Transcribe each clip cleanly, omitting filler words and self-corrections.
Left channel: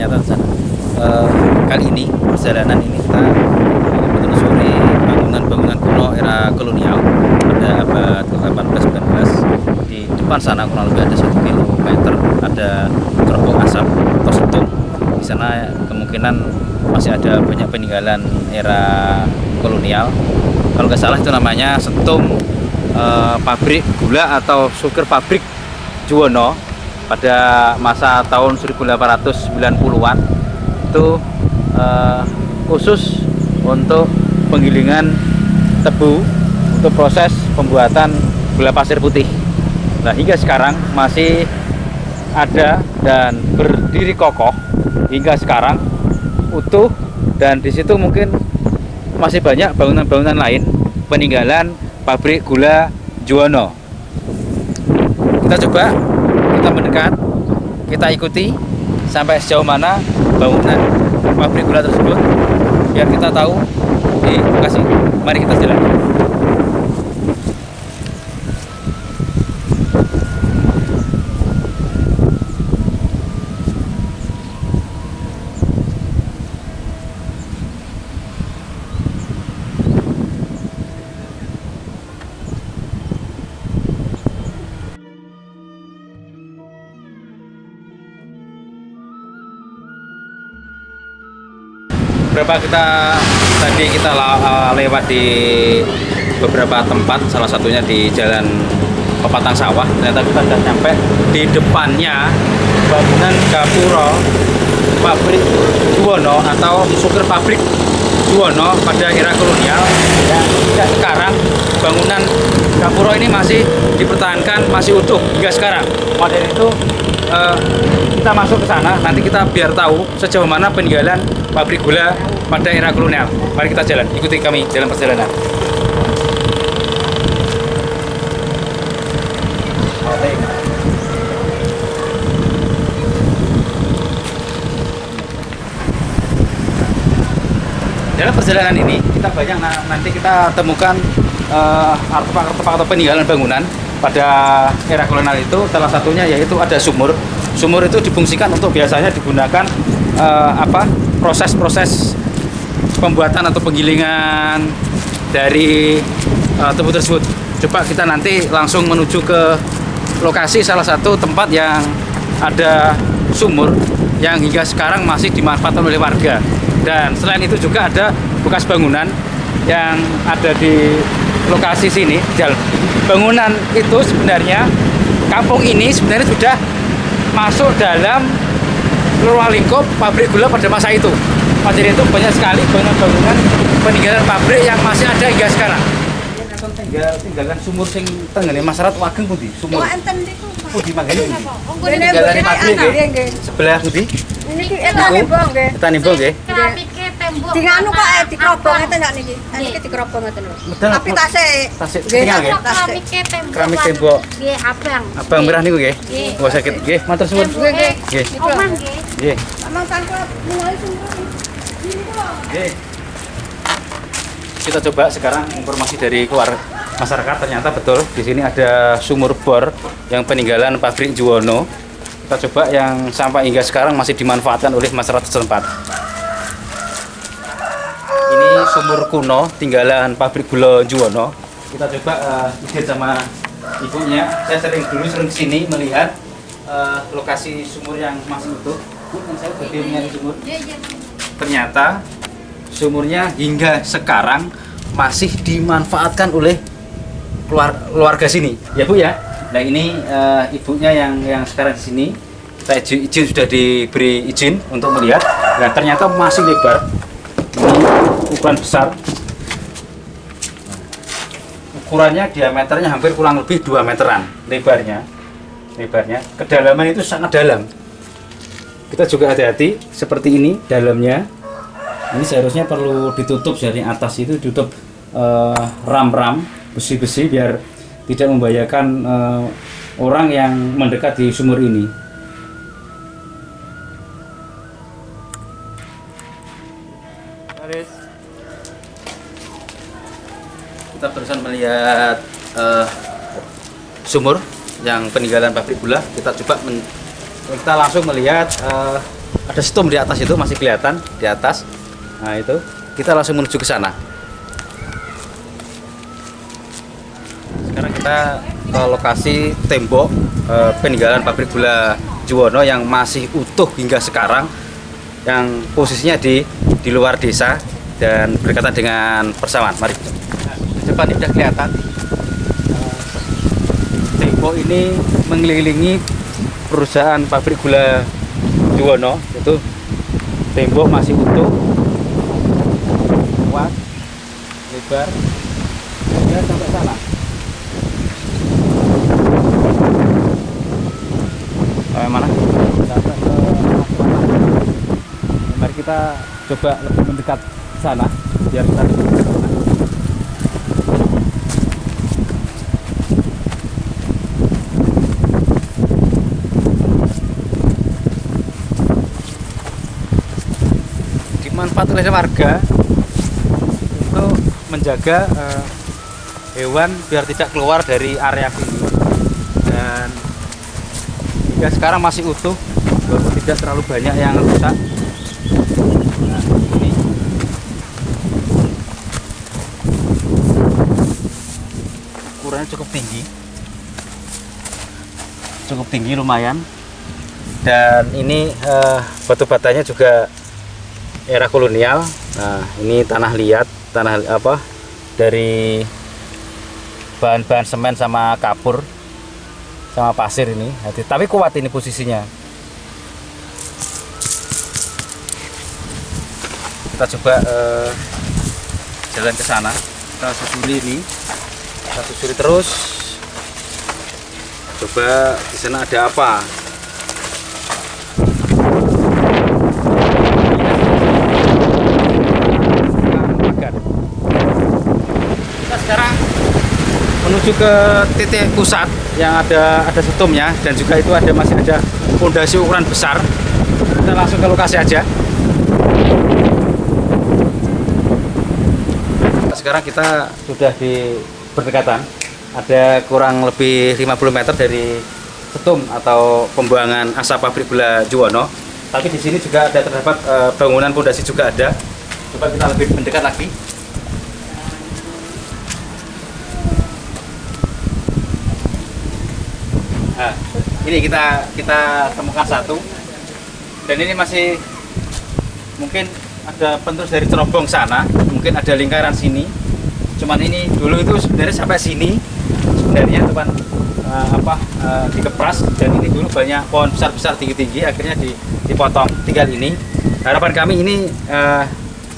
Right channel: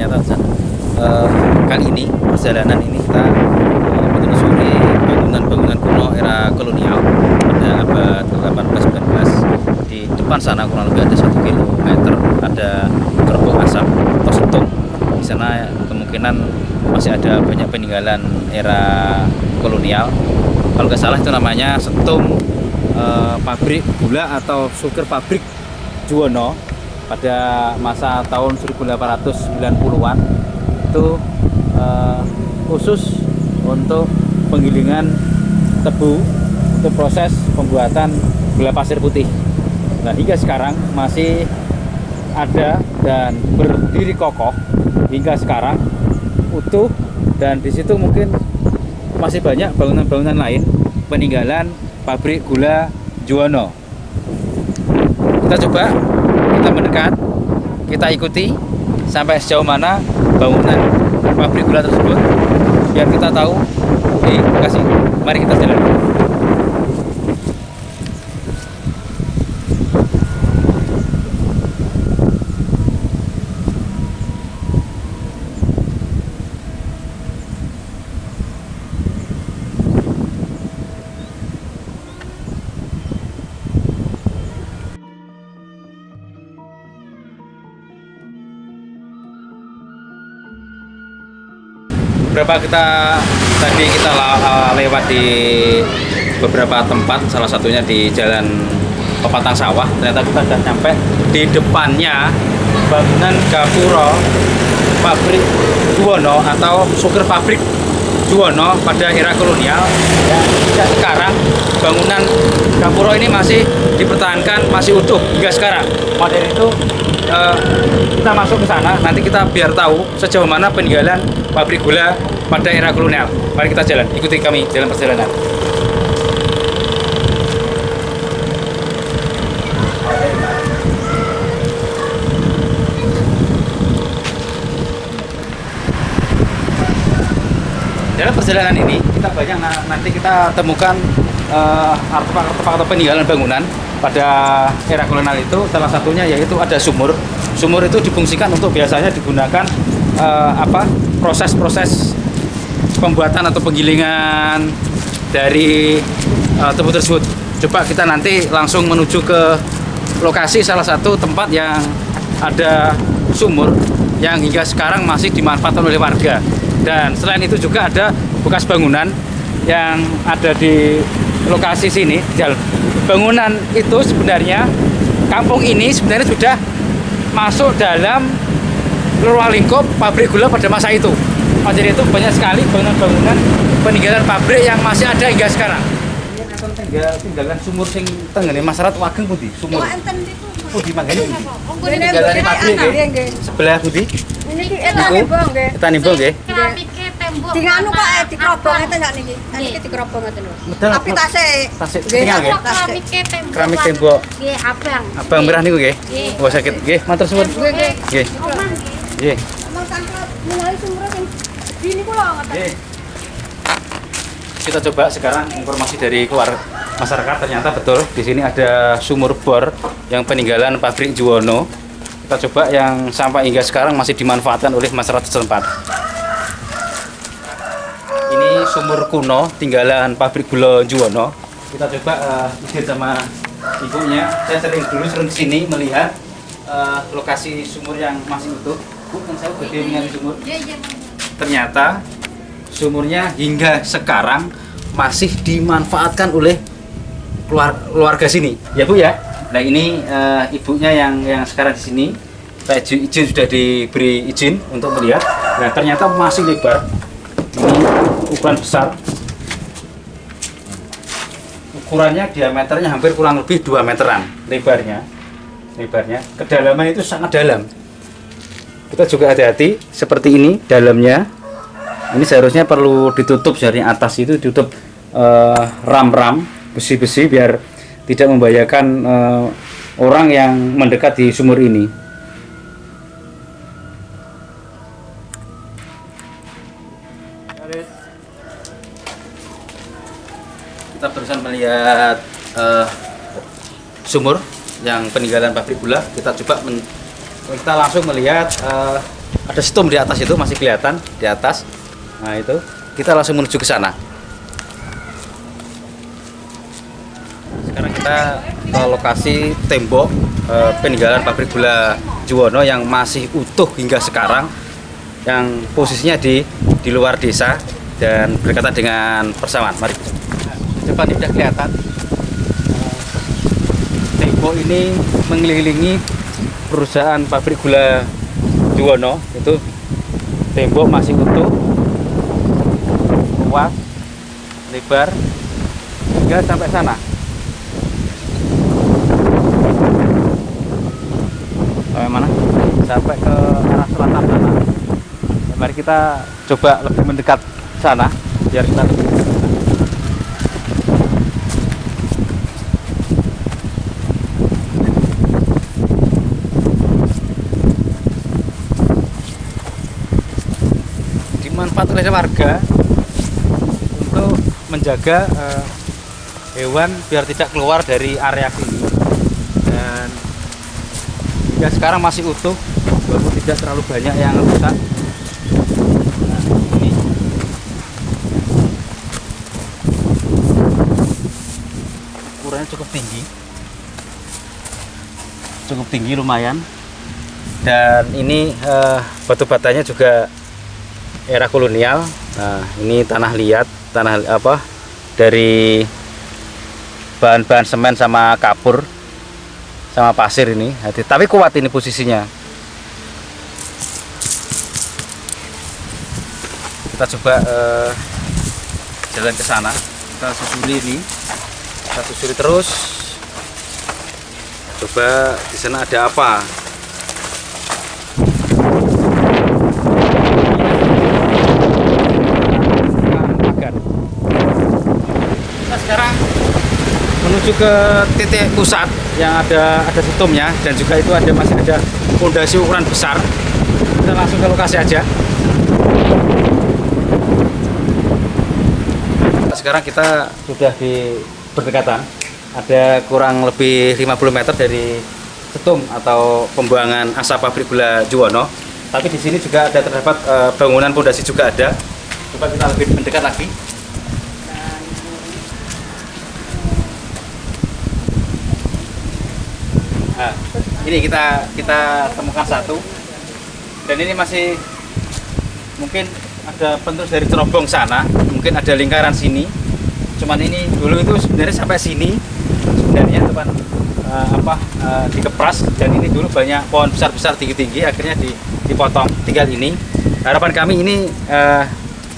ternyata di sana. Kali ini perjalanan ini kita menelusuri bangunan-bangunan kuno era kolonial pada abad ke-18-19. Di depan sana kurang lebih ada 1 kilometer ada gerbong asap atau setung. Di sana kemungkinan masih ada banyak peninggalan era kolonial. Kalau nggak salah itu namanya setung pabrik gula atau sugar pabrik Juwono pada masa tahun 1890-an. Itu khusus untuk penggilingan tebu untuk proses pembuatan gula pasir putih. Nah, hingga sekarang masih ada dan berdiri kokoh hingga sekarang utuh, dan di situ mungkin masih banyak bangunan-bangunan lain peninggalan pabrik gula Juwono. Kita coba, kita mendekat, kita ikuti sampai sejauh mana bangunan pabrik gula tersebut biar kita tahu di lokasi. Mari kita jalan. Tadi kita lewat di beberapa tempat, salah satunya di Jalan Pepatang Sawah. Ternyata kita sudah sampai di depannya bangunan Gapura pabrik Juwono atau sugar pabrik Juwono pada era kolonial. Dan sekarang bangunan Gapura ini masih dipertahankan, masih utuh hingga sekarang. Maka dari itu kita masuk ke sana, nanti kita biar tahu sejauh mana peninggalan pabrik gula pada era kolonial. Mari kita jalan, ikuti kami dalam perjalanan. Dalam perjalanan ini kita banyak nanti kita temukan artefak-artefak atau peninggalan bangunan pada era kolonial itu. Salah satunya yaitu ada sumur. Sumur itu difungsikan untuk biasanya digunakan proses-proses pembuatan atau penggilingan dari tebu tersebut. Coba kita nanti langsung menuju ke lokasi salah satu tempat yang ada sumur yang hingga sekarang masih dimanfaatkan oleh warga. Dan selain itu juga ada bekas bangunan yang ada di lokasi sini. Bangunan itu sebenarnya, kampung ini sebenarnya sudah masuk dalam ruang lingkup pabrik gula pada masa itu. Jadi itu banyak sekali bangunan-bangunan peninggalan pabrik yang masih ada hingga sekarang. Tinggalan sumur sing tenggene masyarakat Wageng pundi? Sumur. Pundi manggane pundi? Tinggalan pabrik nggih. Sebelah pundi? Niki etane bong nggih. Etane bong nggih. Keramike tembok. Di anu kok dikrobong ngeten sak niki. Niki dikrobong ngeten lho. Tapi tasik tinggal nggih. Keramike tembok. Keramik tembok. Nggih, abang. Abang merah niku nggih. Oh sakit nggih, matur suwun. Nggih. Nggih. Omah nggih. Nggih. Amang sangkut mulai sumur sini kula. Nggih. Kita coba sekarang informasi dari keluar masyarakat. Ternyata betul di sini ada sumur bor yang peninggalan pabrik Juwono. Kita coba yang sampai hingga sekarang masih dimanfaatkan oleh masyarakat setempat. Ini sumur kuno tinggalan pabrik gula Juwono. Kita coba izin sama ibunya. Saya sering kesini melihat lokasi sumur yang masih utuh. Bu, kan saya bagaimana sumur? Ternyata sumurnya hingga sekarang masih dimanfaatkan oleh keluarga sini, ya Bu ya. Nah ini ibunya yang sekarang di sini. Kita izin sudah diberi izin untuk melihat. Nah ternyata masih lebar. Ini ukuran besar. Ukurannya diameternya hampir kurang lebih 2 meteran lebarnya. Kedalaman itu sangat dalam. Kita juga hati-hati seperti ini dalamnya. Ini seharusnya perlu ditutup dari atas, itu ditutup ram-ram besi-besi biar tidak membahayakan orang yang mendekat di sumur ini. Kita barusan melihat sumur yang peninggalan pabrik gula. Kita coba kita langsung melihat ada stum di atas itu masih kelihatan di atas. Nah itu kita langsung menuju ke sana. Sekarang kita ke lokasi tembok peninggalan pabrik gula Juwono yang masih utuh hingga sekarang, yang posisinya di luar desa dan berdekatan dengan persawahan. Mari. Di depan ini sudah kelihatan. Tembok ini mengelilingi perusahaan pabrik gula Juwono. Itu tembok masih utuh, luas, lebar hingga sampai sana. Mana? Sampai ke arah selatan sana. Mari kita coba lebih mendekat sana biar kita lebih dekat sana. Dimanfaatkan oleh warga untuk menjaga hewan biar tidak keluar dari area sini, dan hingga sekarang masih utuh walaupun tidak terlalu banyak yang rusak. Nah, ini ukurannya cukup tinggi lumayan, dan ini batu batanya juga era kolonial. Nah, ini tanah liat, dari bahan-bahan semen sama kapur sama pasir ini. Tapi kuat ini posisinya. Kita coba jalan ke sana. Kita susuri ini. Kita susuri terus. Coba di sana ada apa. Kita sekarang menuju ke titik pusat yang ada situmnya, dan juga itu masih ada fondasi ukuran besar. Kita langsung ke lokasi aja. Sekarang kita sudah di berdekatan, ada kurang lebih 50 meter dari situm atau pembuangan asap pabrik gula Juwono. Tapi di sini juga ada terdapat bangunan fondasi juga ada. Coba kita lebih mendekat lagi. Nah, ini kita temukan satu, dan ini masih mungkin ada penerus dari cerobong sana, mungkin ada lingkaran sini. Cuman ini dulu itu sebenarnya sampai sini sebenarnya teman dikepras, dan ini dulu banyak pohon besar tinggi, akhirnya dipotong, tinggal ini. Harapan kami ini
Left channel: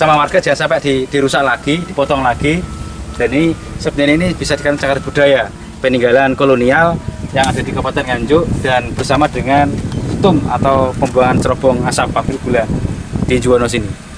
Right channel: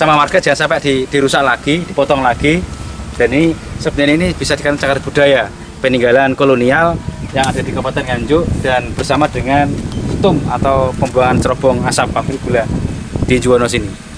sama warga jangan sampai dirusak lagi, dipotong lagi, dan ini sebenarnya ini bisa dikatakan cagar budaya peninggalan kolonial yang ada di Kabupaten Nganjuk, dan bersama dengan stum atau pembuangan cerobong asap pabrik gula di Juwono sini.